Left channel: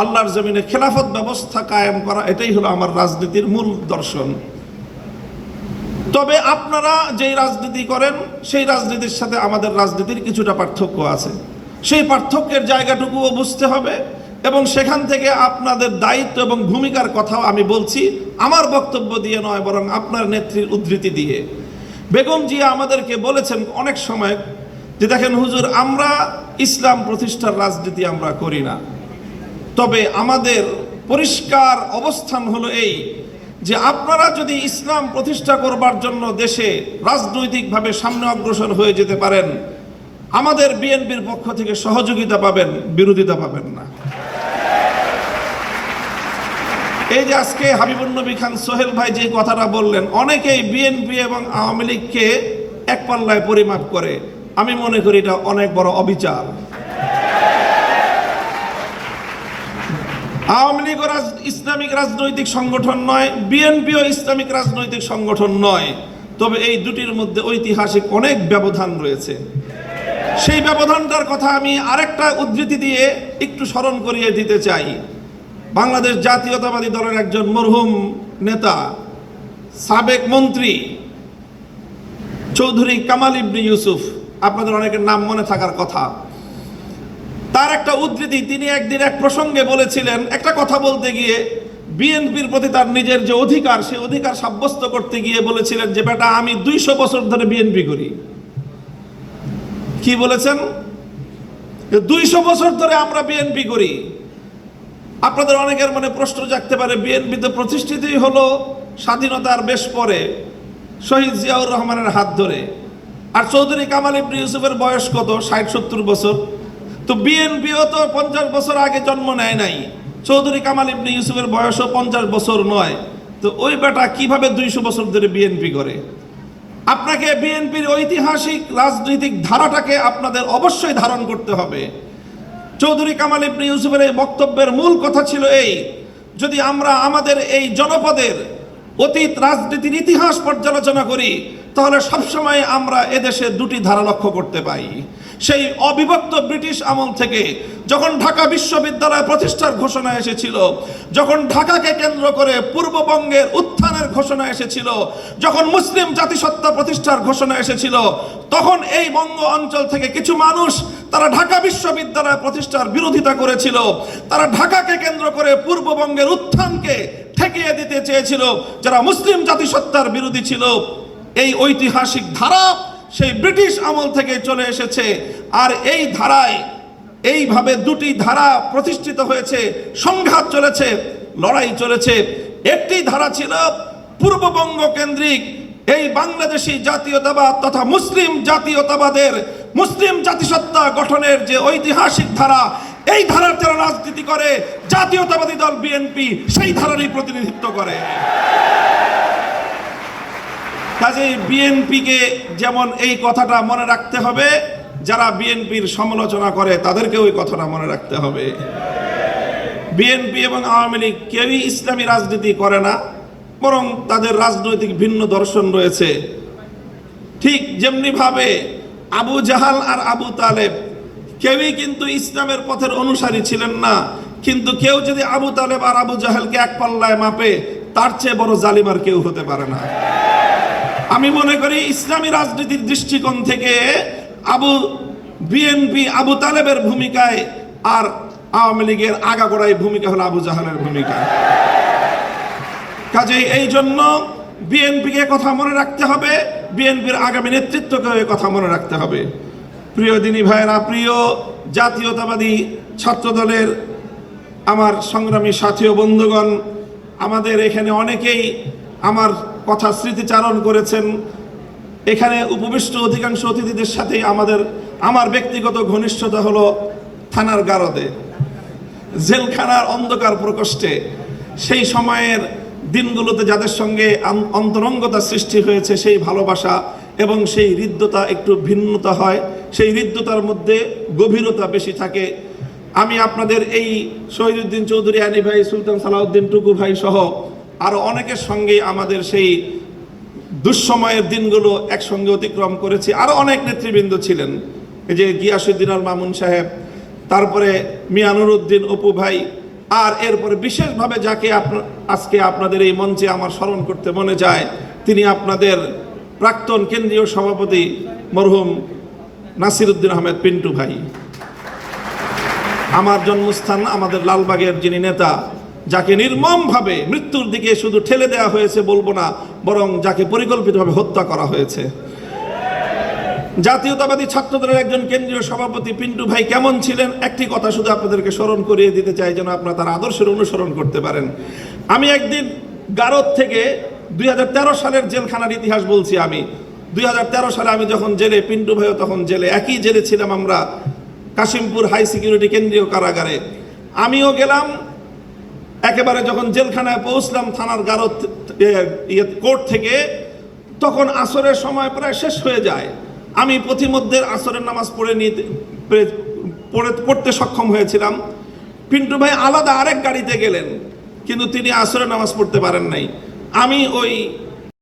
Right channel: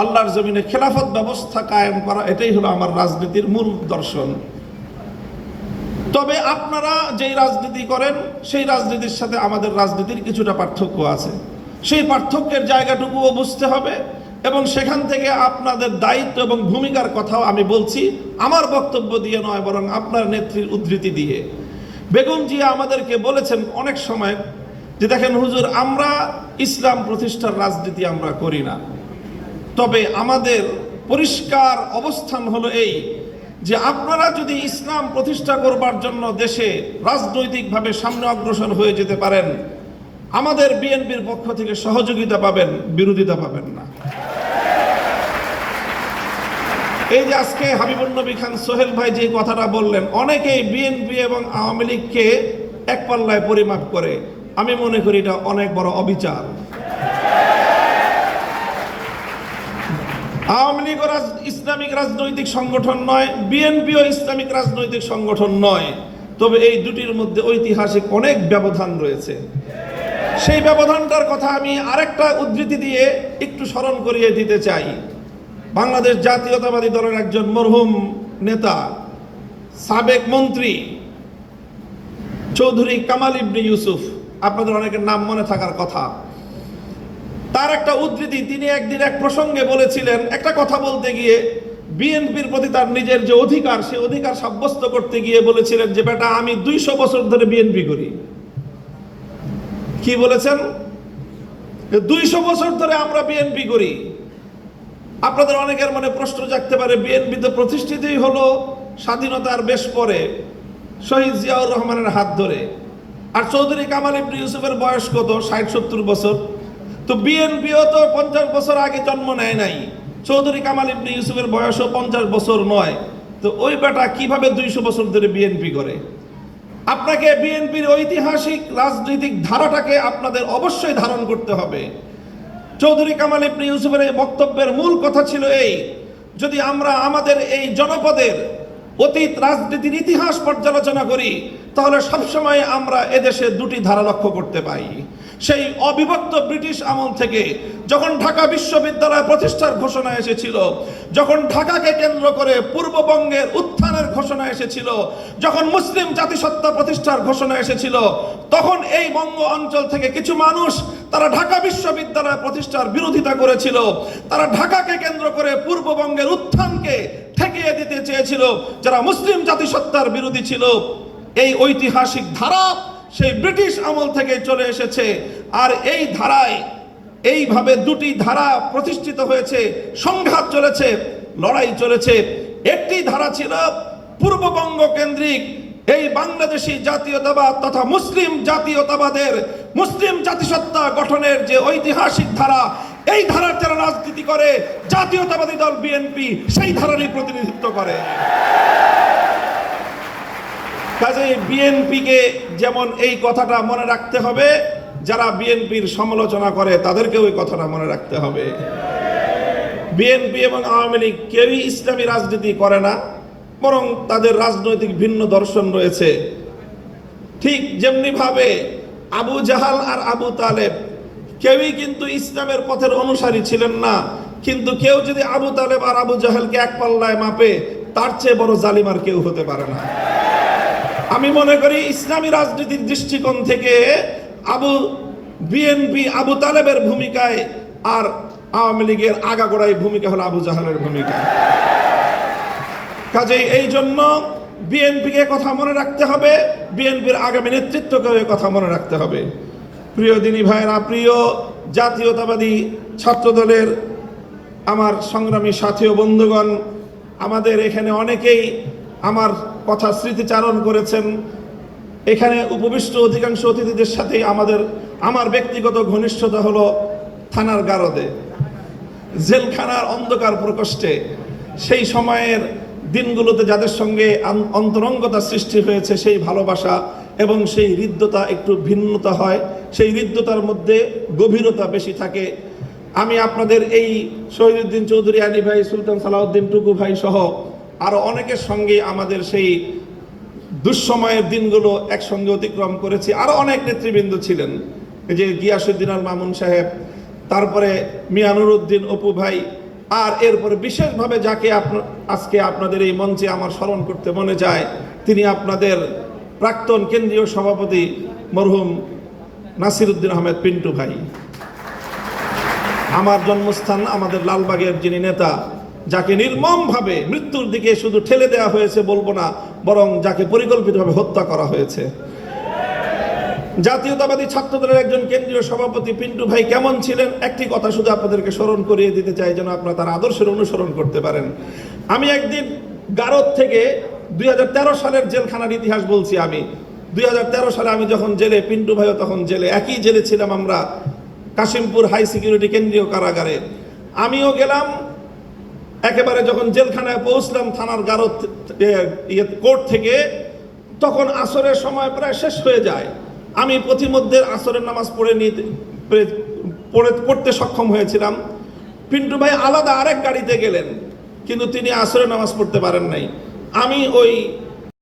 আল্লাহর জমিনে খেলাফত ব্যবস্থা কায়েম করা, এটাই হলো আমার রাজনীতির মূল দর্শন। তবে আপনারা যেই রাজনীতি করেন সেই রাজনীতির সাথে আমাদের রাজনীতির কিছুটা পার্থক্য আছে। সেই পার্থক্যের জায়গাটুকুও বুঝতে হবে এবং সেখান থেকে আপনাদের দায়িত্ব এবং ভূমিকার কথাও আমি বলছি, আমার বক্তব্য দিয়ে নয়, বরং আপনার নেত্রীর উদ্ধৃতি দিয়ে। বেগম জিয়া আমাদেরকে বলেছেন অনেক সময় যে দেখেন হুজুর, আমরা ইসলাম প্রতিষ্ঠার রাজনীতি আমরা করি না, তবে আমাদের পরিষ্কার অবস্থান হলো এই যে আপনারা যদি ইসলাম প্রতিষ্ঠা করবার জন্য দেশে রাজনৈতিকভাবে সামনে অগ্রসর হয়ে যেতে পারেন, আমাদের বিএনপির পক্ষ থেকে সহযোগিতা পাবেন, বিরোধিতা পাবেন না। এই যে আজকে হাবিবুন নবী খান সোহেল ভাই যে কথাটা বললেন, অনেকেই বিএনপি এবং আওয়ামী লীগকে এক পাল্লায় পরিমাপ করে, আমি মনে করি এটা অনেক বড় অবিচার। আওয়ামী লীগ ইসলামিক রাজনৈতিক সংগঠন নয়, বিএনপিও ইসলামিক রাজনৈতিক সংগঠন নয়, তবে এই দুটির মধ্যে ঐতিহাসিক অনেক ব্যবধান রয়েছে। সেই ব্যবধানটার কথা আমি আরেকটা উদ্ধৃতি দিয়ে একটু স্মরণ করিয়ে দিতে চাই। বাংলাদেশ জাতীয়তাবাদী দলের একজন মরহুম নেতা, সাবেক মন্ত্রী চৌধুরী কামাল ইবনে ইউসুফ, আপনাদের অনেকের নাম মনে থাকার কথা, তার একটা উদ্ধৃতি, তিনি একদিন এক প্রসঙ্গে বলেছিলেন, একটা কথা বলতে গিয়ে বিএনপির প্রতি তার নিজের যে অধিকার, সেই অধিকার সাব্যস্ত করতে গিয়ে বলেছিলেন যে বেটা আমি 200 বছর ধরে বিএনপি করি। কি বলেছেন? 200 বছর ধরে আমরা বিএনপি করি। আপনাদের অনেকের মনে প্রশ্ন জাগতে পারে, বিএনপি তো প্রতিষ্ঠিতই হলো স্বাধীনতার বেশ পরে, শহীদ জিয়াউর রহমানের হাত ধরে, আর চৌধুরী কামাল ইবনে ইউসুফের বয়স কত? 60-70 বছর। তো বিএনপিও তো 50 বছর আগে জন্ম নেয় নাই, চৌধুরী কামাল ইবনে ইউসুফের বয়সও 50 বছর নয়। তো ওই বেটা কিভাবে 200 বছর ধরে বিএনপি করে? আপনাকে বিএনপির ঐতিহাসিক রাজনৈতিক ধারাটাকে আপনাদের অবশ্যই ধারণ করতে হবে। চৌধুরী কামাল ইবনে ইউসুফের এই বক্তব্যের মূল কথা ছিল এই, যদি আমরা আমাদের এই জনপদের অতীত রাজনীতির ইতিহাস পর্যালোচনা করি, তাহলে সবসময় আমরা এদেশে দুটি ধারা লক্ষ্য করতে পাই। সেই অবিভক্ত ব্রিটিশ আমল থেকে যখন ঢাকা বিশ্ববিদ্যালয় প্রতিষ্ঠার ঘোষণা এসেছিল, যখন ঢাকাকে কেন্দ্র করে পূর্ববঙ্গের উত্থানের ঘোষণা এসেছিল, যখন মুসলিম জাতিসত্তা প্রতিষ্ঠার ঘোষণা এসেছিল, তখন এই বঙ্গ অঞ্চল থেকে কিছু মানুষ তারা ঢাকা বিশ্ববিদ্যালয় প্রতিষ্ঠার বিরোধিতা করেছিল। তারা ঢাকাকে কেন্দ্র করে পূর্ববঙ্গের উত্থানকে ঠেকিয়ে দিতে চেয়েছিল, যারা মুসলিম জাতিসত্তার বিরোধী ছিল। এই ঐতিহাসিক ধারা সেই ব্রিটিশ আমল থেকে চলে এসেছে, আর এই ধারায় এইভাবে দুটি ধারা প্রতিষ্ঠিত হয়েছে, সংঘাত চলেছে, লড়াই চলেছে। একটি ধারা ছিল পূর্ববঙ্গ কেন্দ্রিক এই বাংলাদেশি জাতীয়তাবাদ তথা মুসলিম জাতীয়তাবাদের, মুসলিম জাতিসত্তা গঠনের যে ঐতিহাসিক ধারা, এই ধারার যারা রাজনীতি করে, জাতীয়তাবাদী দল বিএনপি সেই ধারারই প্রতিনিধিত্ব করে। কাজে বিএনপিকে যেমন এই কথাটা মনে রাখতে হবে, যারা বিএনপির সমালোচনা করে তাদেরকে ওই কথাটা মনে রাখতে হবে। বিএনপি এবং আওয়ামী লীগ কেউই ইসলামী রাজনীতি করে না, বরং তাদের রাজনৈতিক ভিন্ন দর্শন রয়েছে। ঠিক যেমনি ভাবে আবু জাহাল আর আবু তালেব কেউই কিন্তু ইসলামের পথের অনুসারী ছিলেন না, কিন্তু কেউ যদি আবু তালেব আর আবু জাহেলকে এক পাল্লায় মাপে, তার চেয়ে বড় জালিম আর কেউ হতে পারে না। আমি মনে করি ইসলামী রাজনীতির দৃষ্টিকোণ থেকে বিএনপি আবু তালেবের ভূমিকায়, আর আওয়ামী লীগের আগাগোড়াই ভূমিকা হলো আবু জাহেলের ভূমিকা। কাজেই এই জন্য বিএনপিকে কথা মনে রাখতে হবে, বিএনপির আগামী নেতৃত্বকে কথা মনে রাখতে হবে। প্রিয় দিনী ভাইয়েরা, প্রিয় জাতীয়তাবাদী ছাত্র দলের আমার সংগ্রামী সাথী ও বন্ধুগণ, আমাদের এখানে অনেকেই আমার কথা স্মৃতিচারণ করেছেন। এখানে উপবিষ্ট অধিকাংশ অতিথিদের সাথে আমার ব্যক্তিগত ঘনিষ্ঠতা হলো থানার গারদে, জেলখানার অন্ধকার প্রকোষ্ঠে, সেই সময়ের দিনগুলোতে যাদের সঙ্গে অন্তরঙ্গতা সৃষ্টি হয়েছে, সেই ভালোবাসা এবং সেই হৃদ্যতা একটু ভিন্নতা হয়, সেই হৃদ্যতার মধ্যে গভীরতা বেশি থাকে। আমি আপনাদের এই শহীদুদ্দিন চৌধুরী আলী ভাই, সুলতান সালাউদ্দিন টুকু ভাই সহ আরো অনেকের সঙ্গে আমাদের সেই দুঃসময়ের দিনগুলো একসঙ্গে অতিক্রম করেছি। আরো অনেক নেতৃবৃন্দ ছিলেন, এই যে গিয়াসউদ্দিন আল মামুন সাহেব, তারপরে মিয়া নুরউদ্দিন অপু ভাই, আর এরপরে বিশেষভাবে যাকে আজকে আপনাদের এই মঞ্চে আমার স্মরণ করতে মনে যায়, তিনি আপনাদের প্রাক্তন কেন্দ্রীয় সভাপতি মরহুম নাসিরউদ্দিন আহমেদ পিন্টু ভাই। আমার জন্মস্থান আমাদের লালবাগের যিনি নেতা, যাকে নির্মমভাবে মৃত্যুর দিকে শুধু ঠেলে দেওয়া হয়েছে বলবো না, বরং যাকে পরিকল্পিতভাবে হত্যা করা হয়েছে। জাতীয়তাবাদী ছাত্রদলের একজন কেন্দ্রীয় সভাপতি পিন্টু ভাই কেমন ছিলেন, একটি কথা শুধু আপনাদেরকে স্মরণ করিয়ে দিতে চাই, যেন আপনারা তার আদর্শের অনুসরণ করতে পারেন। আমি একদিন গারদ থেকে 2013 সালের জেলখানার ইতিহাস বলছি। আমি 2013 সালে আমি যখন জেলে, পিন্টু ভাইও তখন জেলে, একই জেলে ছিলাম আমরা, কাশিমপুর হাই সিকিউরিটি কেন্দ্রীয় কারাগারে। আমিও গেলাম, একেবারে যখন জেলখানায় পৌঁছলাম থানার গারদ কোর্ট থেকে, তখন আসরের সময় প্রায় শেষ হয়ে যায়। আমি পথিমধ্যে আসরের নামাজ পড়তে সক্ষম হয়েছিলাম। পিন্টু ভাই আলাদা আরেক গাড়িতে গেলেন, কিন্তু তিনি আসরের নামাজ পড়তে পারেন নাই। আমি ওই